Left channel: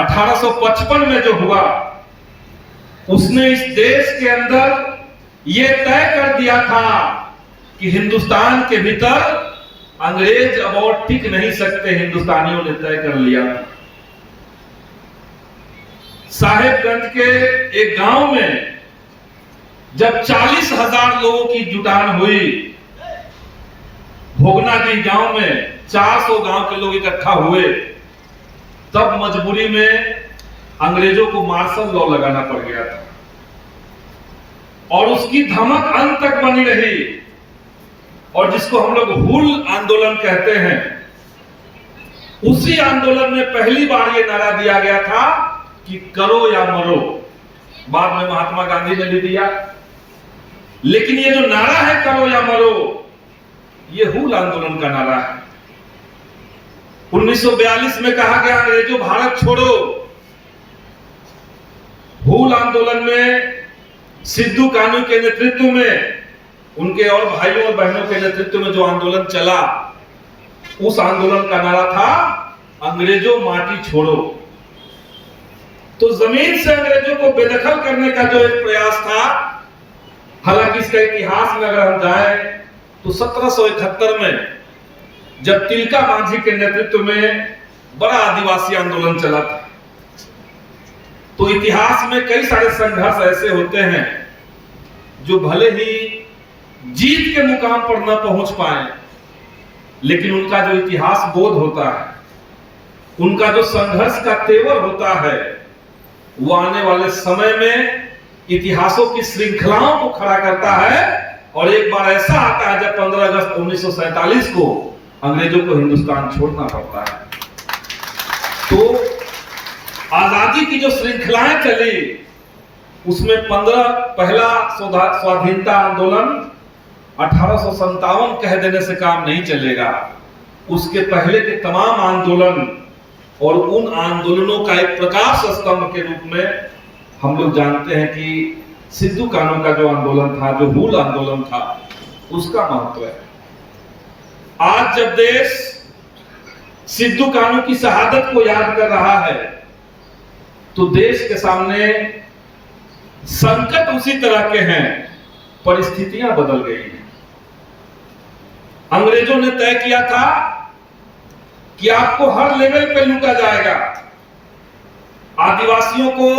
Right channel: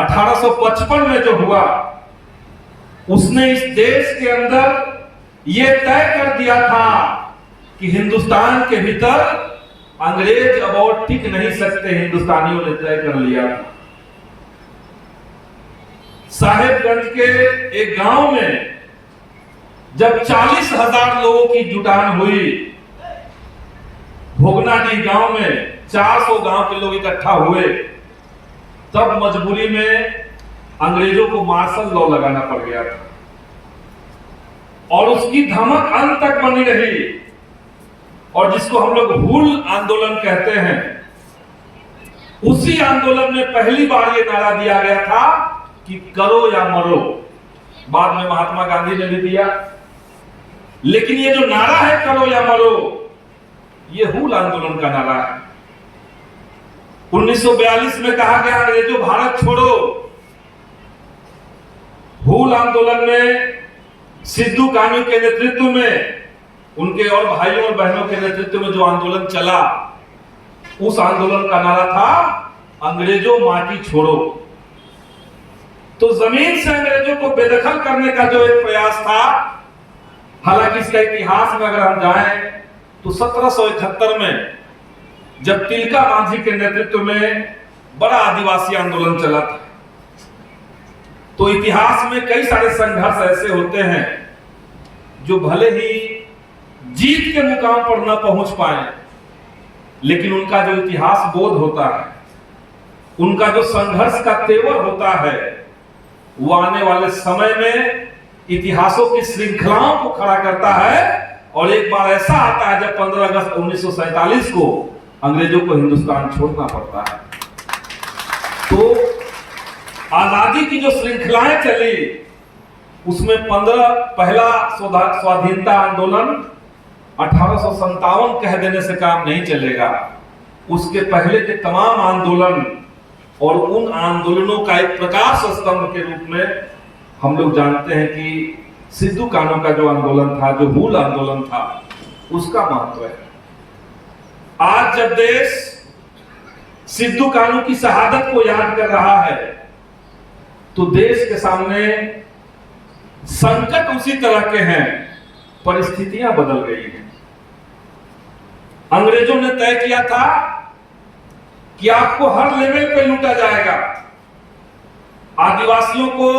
1855 में जो हुआ, उसने इस देश के अंदर यह तय कर दिया था कि हिंदुस्तान के भीतर अंग्रेज अब और टिक नहीं सकते। हिंदुस्तानियों ने तय कर लिया। साहेबगंज के एक गांव में जब 40,000 लोगों की जुटान हुई, भोगनाडीह गांव में 400 गांव के लोग इकट्ठा हुए, तब मजबूरी में अंग्रेजों को मार्शल लॉ लगाना पड़ गया था और उसकी धमक अंत तक बनी रही। और जिसको हम लोग हुल आंदोलन कहते हैं, उसी आंदोलन में पहली बार यह नारा दिया गया था कि करो या मरो। बाद में महात्मा गांधी ने भी दिया, लेकिन ये जो नारा है करो या मरो, ये हुल आंदोलन का नारा है। 1942 में कहा गया अंग्रेजों भारत छोड़ो। हुल आंदोलन में सिद्धू कान्हू के नेतृत्व में, उनके और भाइयों और बहनों के नेतृत्व में जो आंदोलन चला, उस आंदोलन का नारा था अंग्रेजों माटी छोड़ो। तो जमीन से अंग्रेजों को बेदखल करने का जो एक प्रयास था, हालांकि इसका इतिहास में अगर हम जाएं तो 1771 में जब तिलका मांझी के नेतृत्व में बड़ा आदिवासी आंदोलन चला था, तो इतिहास में कई सारे संघर्ष ऐसे होते हैं जो भले ही जीत के मुकाम पर न पहुंच पाए, लेकिन उनका जो इतिहास बोध होता है, उनका जो संघर्ष का तेवर होता है, वो आने वाले समय में इतिहासों की श्रृंखलाओं को खड़ा करता है। और एक बार ऐसा आता है जब 15 अगस्त 1947 को अंग्रेजों को हिंदुस्तान छोड़ना पड़ता है। तो आजादी की जो श्रृंखलाएं चली, उसमें पहला स्वाधीनता आंदोलन 1857 कह देने से काम नहीं चलेगा। उसके पहले के तमाम आंदोलन और उन आंदोलनों का एक प्रकाश स्तंभ के रूप में हम लोग जानते हैं कि सिद्धू कान्हू का जो आंदोलन था, जो हुल आंदोलन था, उसका महत्व है। आज जब देश सिद्धू कान्हू की शहादत को याद कर रहा है, तो देश के सामने संकट उसी तरह के हैं, परिस्थितियां बदल गई हैं। अंग्रेजों ने तय किया था कि आपको हर लेवल पे लूटा जाएगा। आदिवासियों को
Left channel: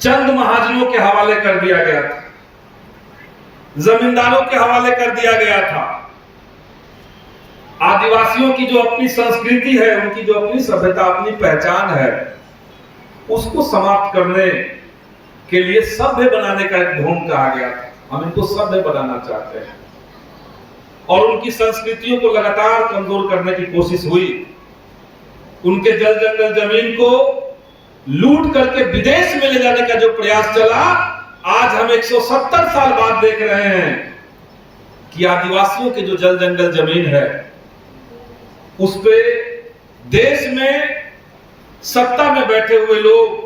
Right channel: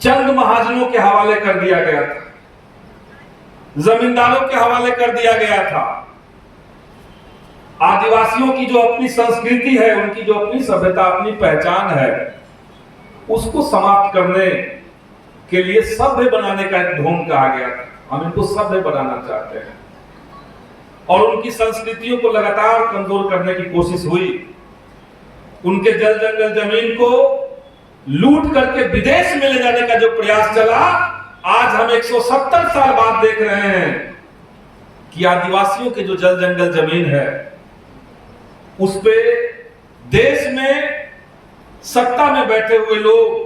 चंद महाजनों के हवाले कर दिया गया था, जमींदारों के हवाले कर दिया गया था। आदिवासियों की जो अपनी संस्कृति है, उनकी जो अपनी सभ्यता, अपनी पहचान है, उसको समाप्त करने के लिए सभ्य बनाने का एक ढोंग कहा गया था। हम इनको सभ्य बनाना चाहते हैं और उनकी संस्कृतियों को लगातार कमजोर करने की कोशिश हुई। उनके जल जंगल जमीन को लूट करके विदेश में ले जाने का जो प्रयास चला, आज हम 170 साल बाद देख रहे हैं कि आदिवासियों के जो जल जंगल जमीन है, उस पे देश में सत्ता में बैठे हुए लोग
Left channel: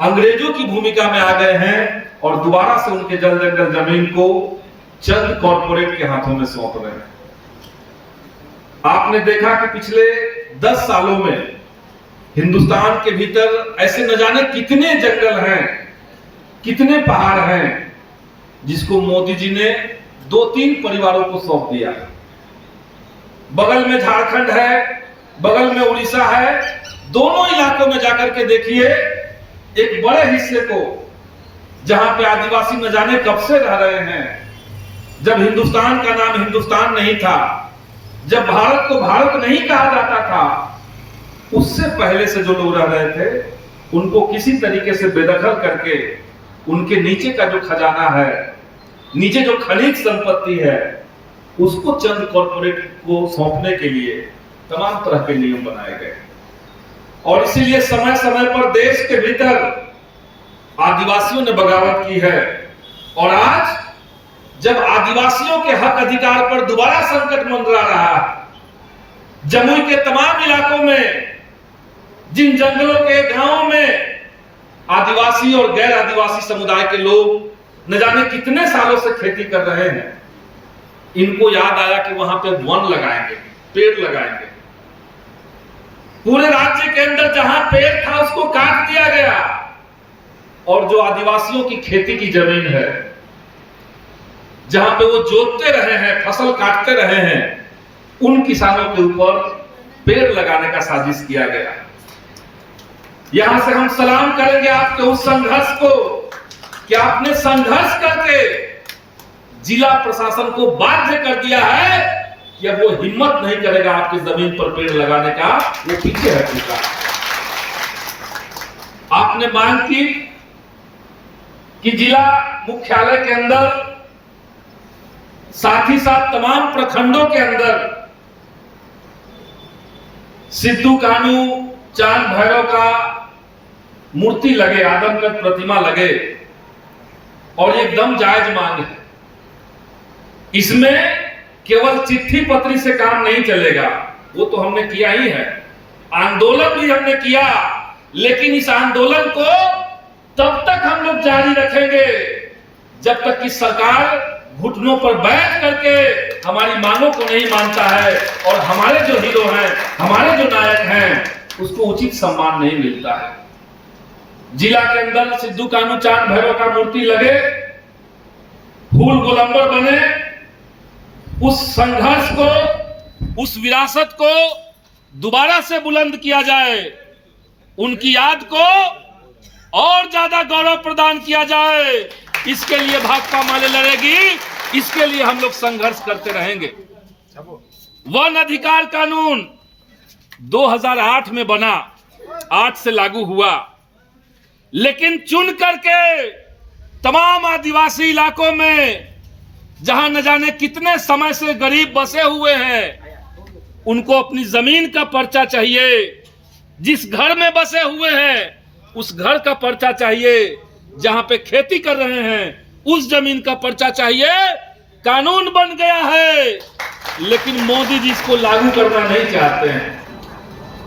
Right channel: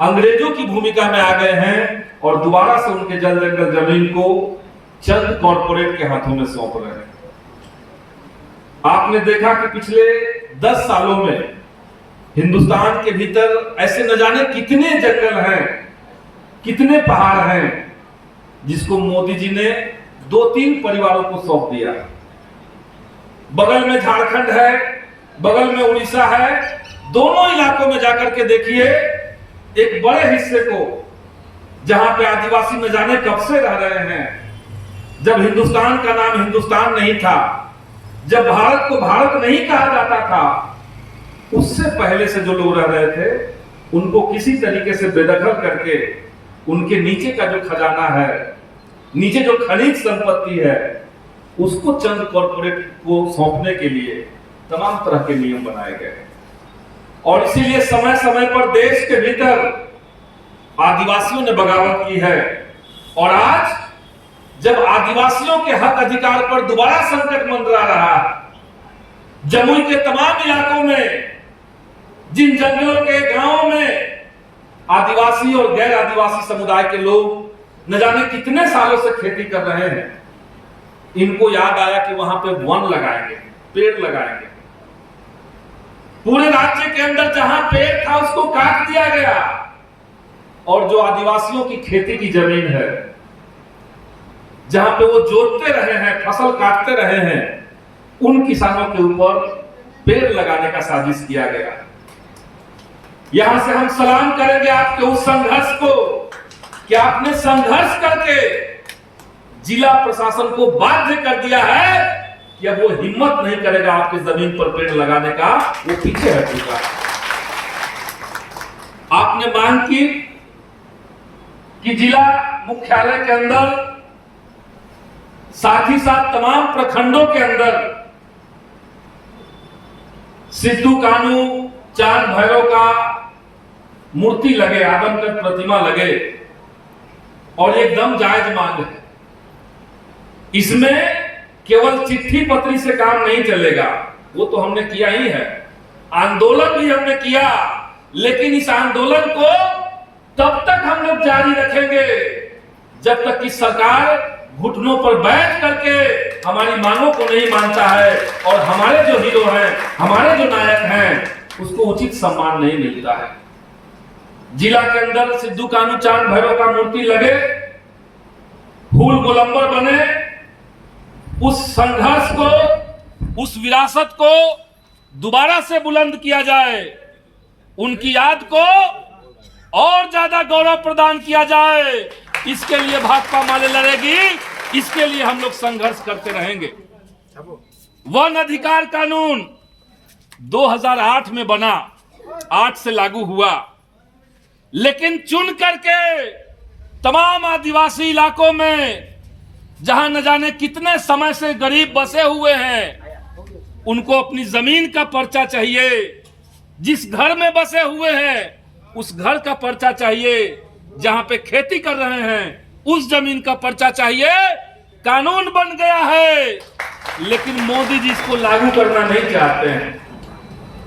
अंग्रेजों की भूमिका में आ गए हैं और दोबारा से उनके जल जंगल जमीन को चंद कॉर्पोरेट के हाथों में सौंप रहे हैं। आपने देखा कि पिछले 10 सालों में हिंदुस्तान के भीतर ऐसे न जाने कितने जंगल हैं, कितने पहाड़ हैं, जिसको मोदी जी ने 2-3 परिवारों को सौंप दिया। बगल में झारखंड है, बगल में उड़ीसा है। दोनों इलाकों में जाकर के देखिए, एक बड़े हिस्से को जहां पे आदिवासी न जाने कब से रह रहे हैं। जब हिंदुस्तान का नाम हिंदुस्तान नहीं था, जब भारत को भारत नहीं कहा जाता था, उससे पहले से जो लोग रह रहे थे, उनको किसी तरीके से बेदखल करके उनके नीचे का जो खजाना है, नीचे जो खनिज संपत्ति है, उसको चंद कॉर्पोरेट को सौंपने के लिए तमाम तरह के नियम बनाए गए। और इसीलिए समय समय पर देश के भीतर आदिवासियों ने बगावत की है। और आज जब आदिवासियों के हक अधिकार पर दोबारा संकट मंडरा रहा है, जमुई के तमाम इलाकों में, जिन जंगलों के गांवों में आदिवासी और गैर आदिवासी समुदाय के लोग न जाने कितने सालों से खेती कर रहे हैं, इनको याद आया कि वहां पे वन लगाएंगे, पेड़ लगाएंगे। पूरे राज्य के अंदर जहां पेड़ था उसको काट दिया गया, और जो आदिवासियों की खेती की जमीन है, जहां पे वो जोतते रहे हैं, फसल काटते रहे हैं, उन किसानों के ऊपर पेड़ लगाने का साजिश किया गया। यहां से हम सलाम करेंगे आपके उस संघर्ष को कि आपने संघर्ष करके जिला प्रशासन को बाध्य कर दिया है कि अब वो हिम्मत नहीं करेगा आपकी जमीन पर पेड़ लगाने का, वो पीछे हट चुका है। आपने मांग की कि जिला मुख्यालय के अंदर, साथ ही साथ तमाम प्रखंडों के अंदर सिद्धू कान्हू चांद भैरव का मूर्ति लगे, आदमकद प्रतिमा लगे, और एकदम जायज मांग है। इसमें केवल चिट्ठी पत्री से काम नहीं चलेगा, वो तो हमने किया ही है, आंदोलन भी हमने किया, लेकिन इस आंदोलन को तब तक हम लोग जारी रखेंगे जब तक कि सरकार घुटनों पर बैठ करके हमारी मांगों को नहीं मानता है और हमारे जो हीरो हैं, हमारे जो नायक हैं, उसको उचित सम्मान नहीं मिलता है। जिला के अंदर सिद्धू कान्हू चांद भैरव का मूर्ति लगे, फूल गोलंबर बने, उस संघर्ष को, उस विरासत को दोबारा से बुलंद किया जाए, उनकी याद को और ज्यादा गौरव प्रदान किया जाए, इसके लिए भाकपा माले लड़ेगी, इसके लिए हम लोग संघर्ष करते रहेंगे। वन अधिकार कानून 2008 में बना, 8 से लागू हुआ, लेकिन चुन करके तमाम आदिवासी इलाकों में जहां न जाने कितने समय से गरीब बसे हुए हैं, उनको अपनी जमीन का पर्चा चाहिए। जिस घर में बसे हुए हैं उस घर का पर्चा चाहिए, जहां पे खेती कर रहे हैं उस जमीन का पर्चा चाहिए। कानून बन गया है, लेकिन मोदी जी इसको लागू करना नहीं चाहते हैं।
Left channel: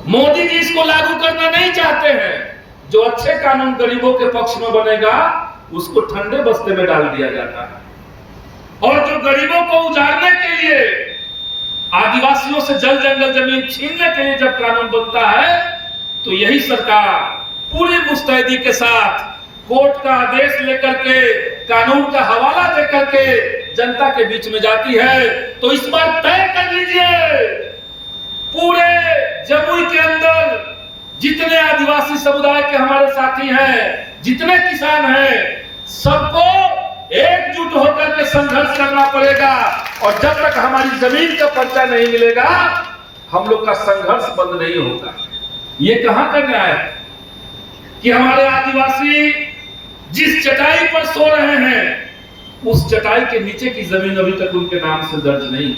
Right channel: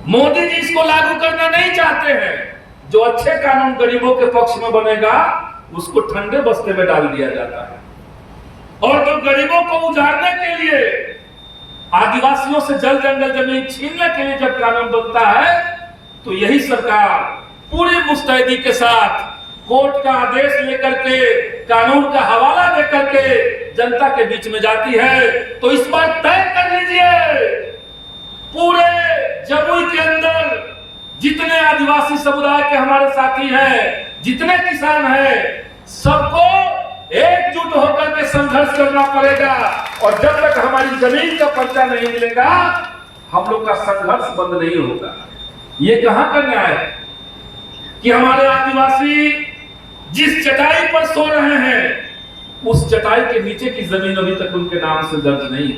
मोदी जी इसको लागू करना नहीं चाहते हैं। जो अच्छे कानून गरीबों के पक्ष में बनेगा उसको ठंडे बस्ते में डाल दिया जाता है, और जो गरीबों को उजाड़ने के लिए, आदिवासियों से जल जंगल जमीन छीनने के लिए जब कानून बनता है, तो यही सरकार पूरी मुस्तैदी के साथ कोर्ट का आदेश लेकर के, कानून का हवाला देकर के जनता के बीच में जाती है। तो इस बार तय कर लीजिए, पूरे जमुई के अंदर जितने आदिवासी समुदाय के हमारे साथी हैं, जितने किसान हैं, सबको एकजुट होकर के संघर्ष करना पड़ेगा, और जब तक हमारी जमीन का पर्चा नहीं मिलेगा हम लोग का संघर्ष बंद नहीं होगा। ये कहां का न्याय है कि हमारे आदिवासी जिस चटाई पर सो रहे हैं उस चटाई के नीचे की जमीन अभी तक उनके नाम से दर्ज नहीं।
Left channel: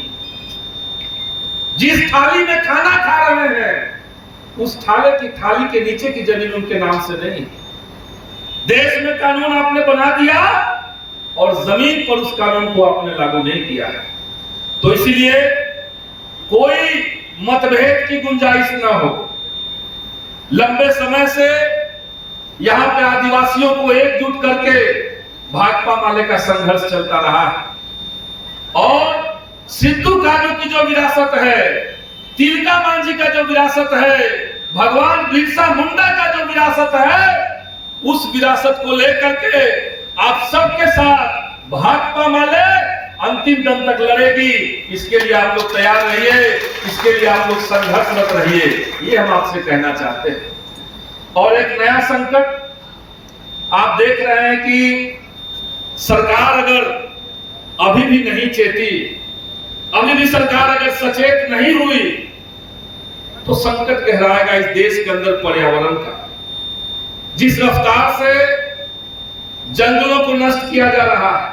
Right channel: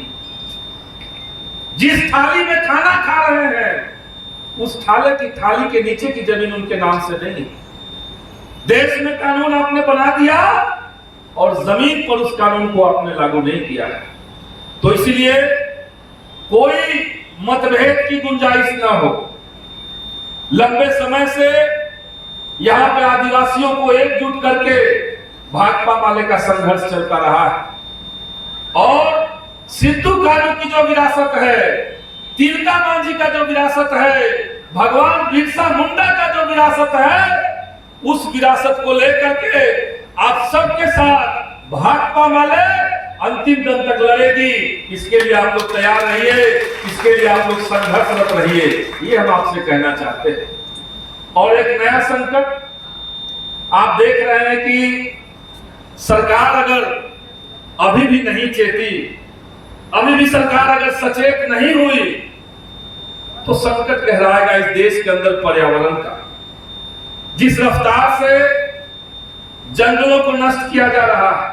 जिस थाली में खाना खा रहे हैं उस थाली के नीचे की जमीन उनके नाम से नहीं। देश में कानून आपने बना दिया और जमीन पर उस कानून को आपने लागू नहीं किया है। तो इसलिए कोई मतभेद की गुंजाइश ना हो। लंबे समय से यहां पे आदिवासियों को एकजुट करके भाकपा माले का संघर्ष चलता रहा है, और सिद्धू कान्हू की जो विरासत है, तिलका मांझी का जो विरासत है, भगवान बिरसा मुंडा का जो विरासत है, उस विरासत को लेकर के आप सबके साथ भाकपा माले अंतिम दम तक लड़ेगी। इसके लिए आप लोग तैयार रहिए, इसके लिए आप लोग संघर्षरत रहिए, ये हम आपसे कहना चाहते हैं। और एक नया संकट आप देख रहे हैं कि सरकार अगर अभी भी नहीं चेती, अभी भी सरकार अगर सचेत नहीं हुई, तो संकट गहराएगा इस देश के अंदर पर्यावरण का। जिस रफ्तार से जंगलों को नष्ट किया जा रहा है,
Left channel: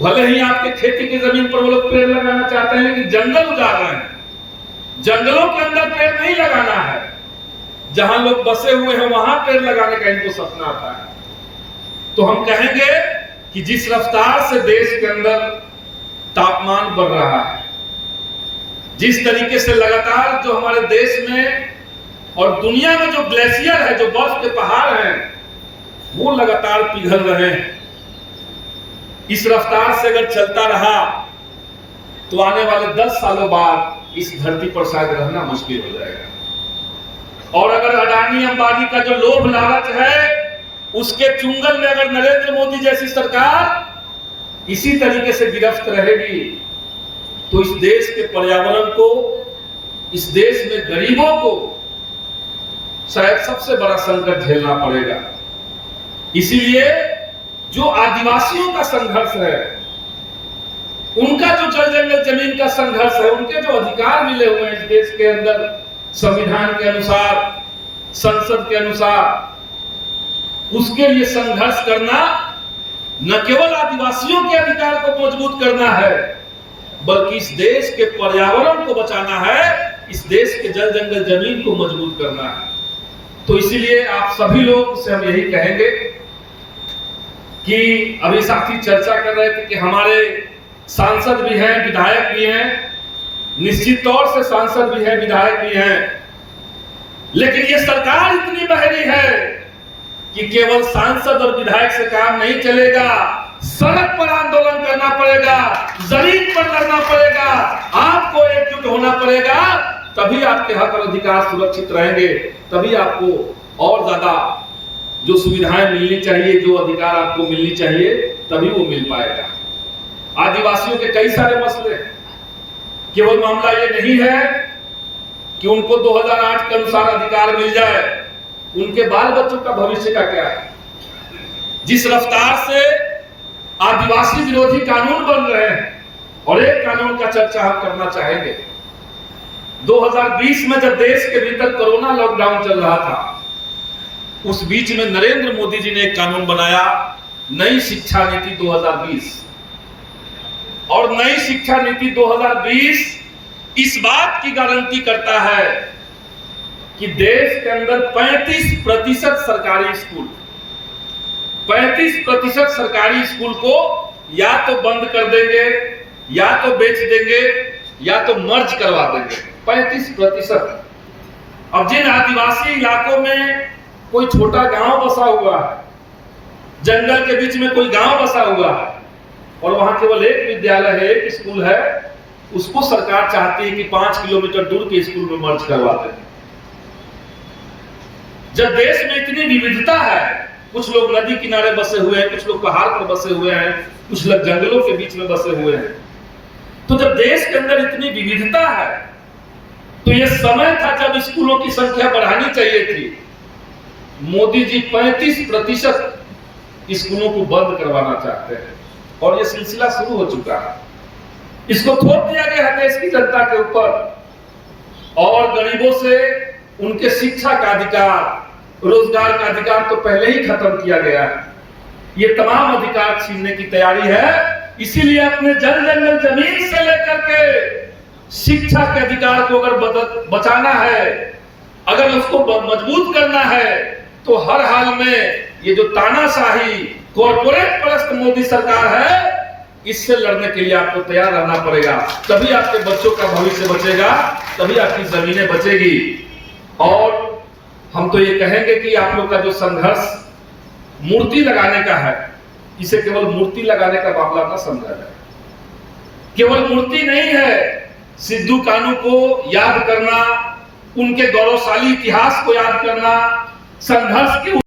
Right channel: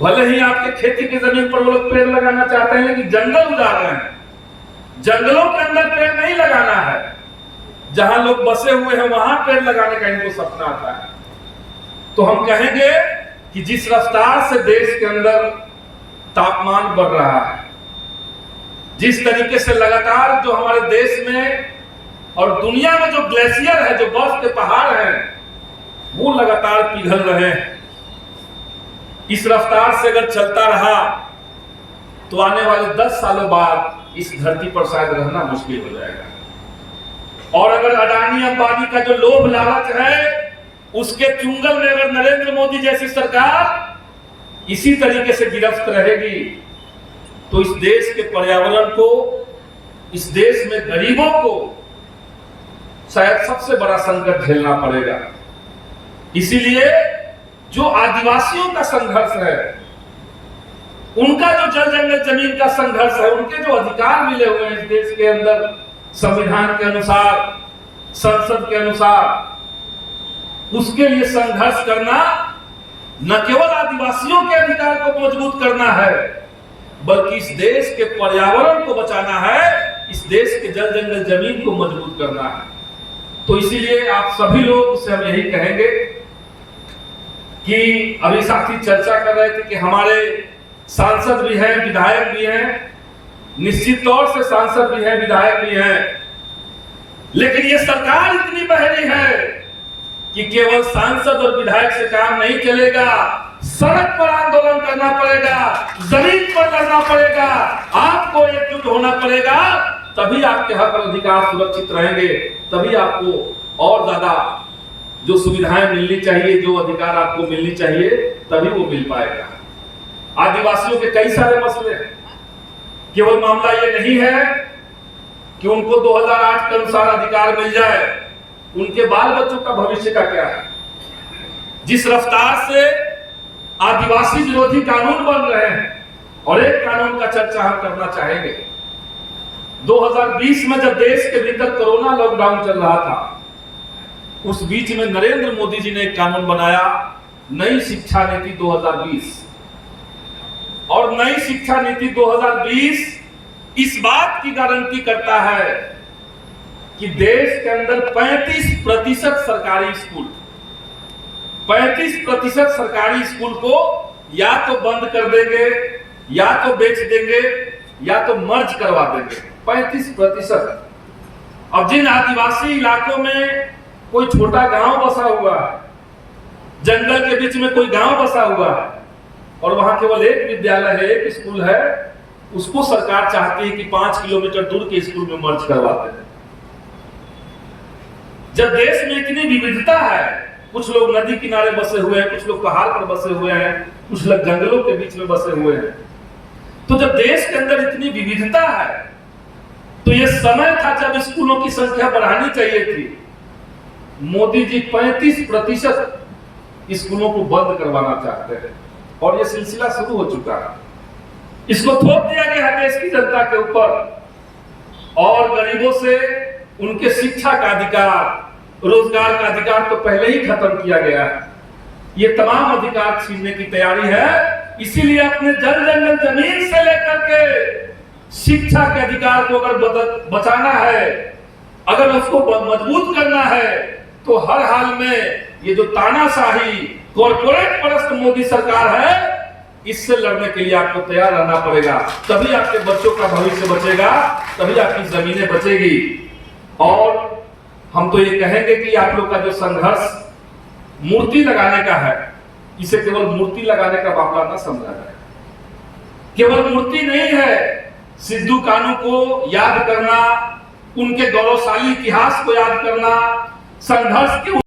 भले ही आपके खेती की जमीन पर वो लोग पेड़ लगाना चाहते हैं, लेकिन जंगल उजाड़ रहे हैं। जंगलों के अंदर पेड़ नहीं लगाना है, जहां लोग बसे हुए हैं वहां पेड़ लगाने का इनको सपना आता है। तो हम कहेंगे कि जिस रफ्तार से देश के अंदर तापमान बढ़ रहा है, जिस तरीके से लगातार जो हमारे देश में और दुनिया में जो ग्लेशियर है, जो बर्फ के पहाड़ हैं, वो लगातार पिघल रहे हैं, इस रफ्तार से अगर चलता रहा तो आने वाले 10 सालों बाद इस धरती पर शायद रहना मुश्किल हो जाएगा। और अगर अडानी अंबानी का जो लोभ लालच है, उसके चुंगल में अगर नरेंद्र मोदी जैसी सरकार इसी तरीके से गिरफ्त रहेगी, तो इस देश के पर्यावरण को, इस देश में गरीबों को शायद सबसे बड़ा संकट झेलना पड़ेगा। इसीलिए जो आदिवासियों का संघर्ष है, उनका जो जल जंगल जमीन का संघर्ष है, उनके जो अधिकार मिले हुए हैं इस देश के अंदर संविधान के अनुसार, संसद के अनुसार, उसके लिए संघर्ष करना न केवल आदिवासियों के अधिकार को मजबूत करना है, बल्कि इस देश के पर्यावरण को बचाना है, इस देश के जल जंगल जमीन को मजबूत करना है। तो इसीलिए आप सभी लोग से हम यही कहेंगे कि अभी साथी चर्चा कर रहे थे कि हमारे सांसद भी हैं, विधायक भी हैं, निश्चित तौर से सांसद भी हैं, विधायक भी हैं, लेकिन ये सरकार इतनी बहरी है कि केवल सांसद और विधायक से काम नहीं चलेगा। सड़क पर आंदोलन करना पड़ेगा, जमीन पर लड़ना पड़ेगा, आपको एकजुट होना पड़ेगा, तभी आपके हक और अधिकार सुरक्षित रहेंगे, तभी आपको और ज्यादा जो सुविधाएं मिलनी चाहिए, जो अधिकार आपको मिलनी चाहिए, तभी वो मिल पाएगा। आदिवासियों के कई सारे मसले, केवल मामला ये नहीं है कि उनको 2008 के अनुसार अधिकार मिल जाए, उनके बाल बच्चों का भविष्य का क्या है। जिस रफ्तार से आदिवासी विरोधी कानून बन रहे हैं, और एक कानून का चर्चा हम करना चाहेंगे। 2020 में जब देश के भीतर कोरोना लॉकडाउन चल रहा था, उस बीच में नरेंद्र मोदी जी ने एक कानून बनाया, नई शिक्षा नीति 2020। और नई शिक्षा नीति 2020 इस बात की गारंटी करता है कि देश के अंदर 35% सरकारी स्कूल, 35% सरकारी स्कूल को या तो बंद कर देंगे, या तो बेच देंगे, या तो मर्ज करवा देंगे। 35%। अब जिन आदिवासी इलाकों में कोई छोटा गांव बसा हुआ है, जंगल के बीच में कोई गांव बसा हुआ है, और वहां केवल एक विद्यालय है, एक स्कूल है, उसको सरकार चाहती है कि 5 किलोमीटर दूर के स्कूल में मर्ज करवा दें। जब देश में इतनी विविधता है, कुछ लोग नदी किनारे बसे हुए हैं, कुछ लोग पहाड़ पर बसे हुए हैं, कुछ लोग जंगलों के बीच में बसे हुए हैं, तो जब देश के अंदर इतनी विविधता है, तो यह समय था जब स्कूलों की संख्या बढ़ानी चाहिए थी। मोदी जी 35% स्कूलों को बंद करवाना चाहते हैं, और यह सिलसिला शुरू हो चुका है। इसको थोप दिया गया है देश की जनता के ऊपर, और गरीबों से उनके शिक्षा का अधिकार, रोजगार का अधिकार तो पहले ही खत्म किया गया है। ये तमाम अधिकार छीनने की तैयारी है। इसीलिए अपने जल जंगल जमीन से लेकर के शिक्षा के अधिकार को अगर बचाना है, अगर उसको मजबूत करना है, तो हर हाल में ये जो तानाशाही कॉर्पोरेट परस्त मोदी सरकार है, इससे लड़ने के लिए आपको तैयार रहना पड़ेगा। तभी आपके बच्चों का भविष्य बचेगा, तभी आपकी जमीनें बचेगी। और हम तो ये कहेंगे कि आप लोग का जो संघर्ष मूर्ति लगाने का है, इसे केवल मूर्ति लगाने का मामला ना समझा जाए। केवल मूर्ति नहीं है, सिद्धू कान्हू को याद करना, उनके गौरवशाली इतिहास को याद करना, संघर्ष के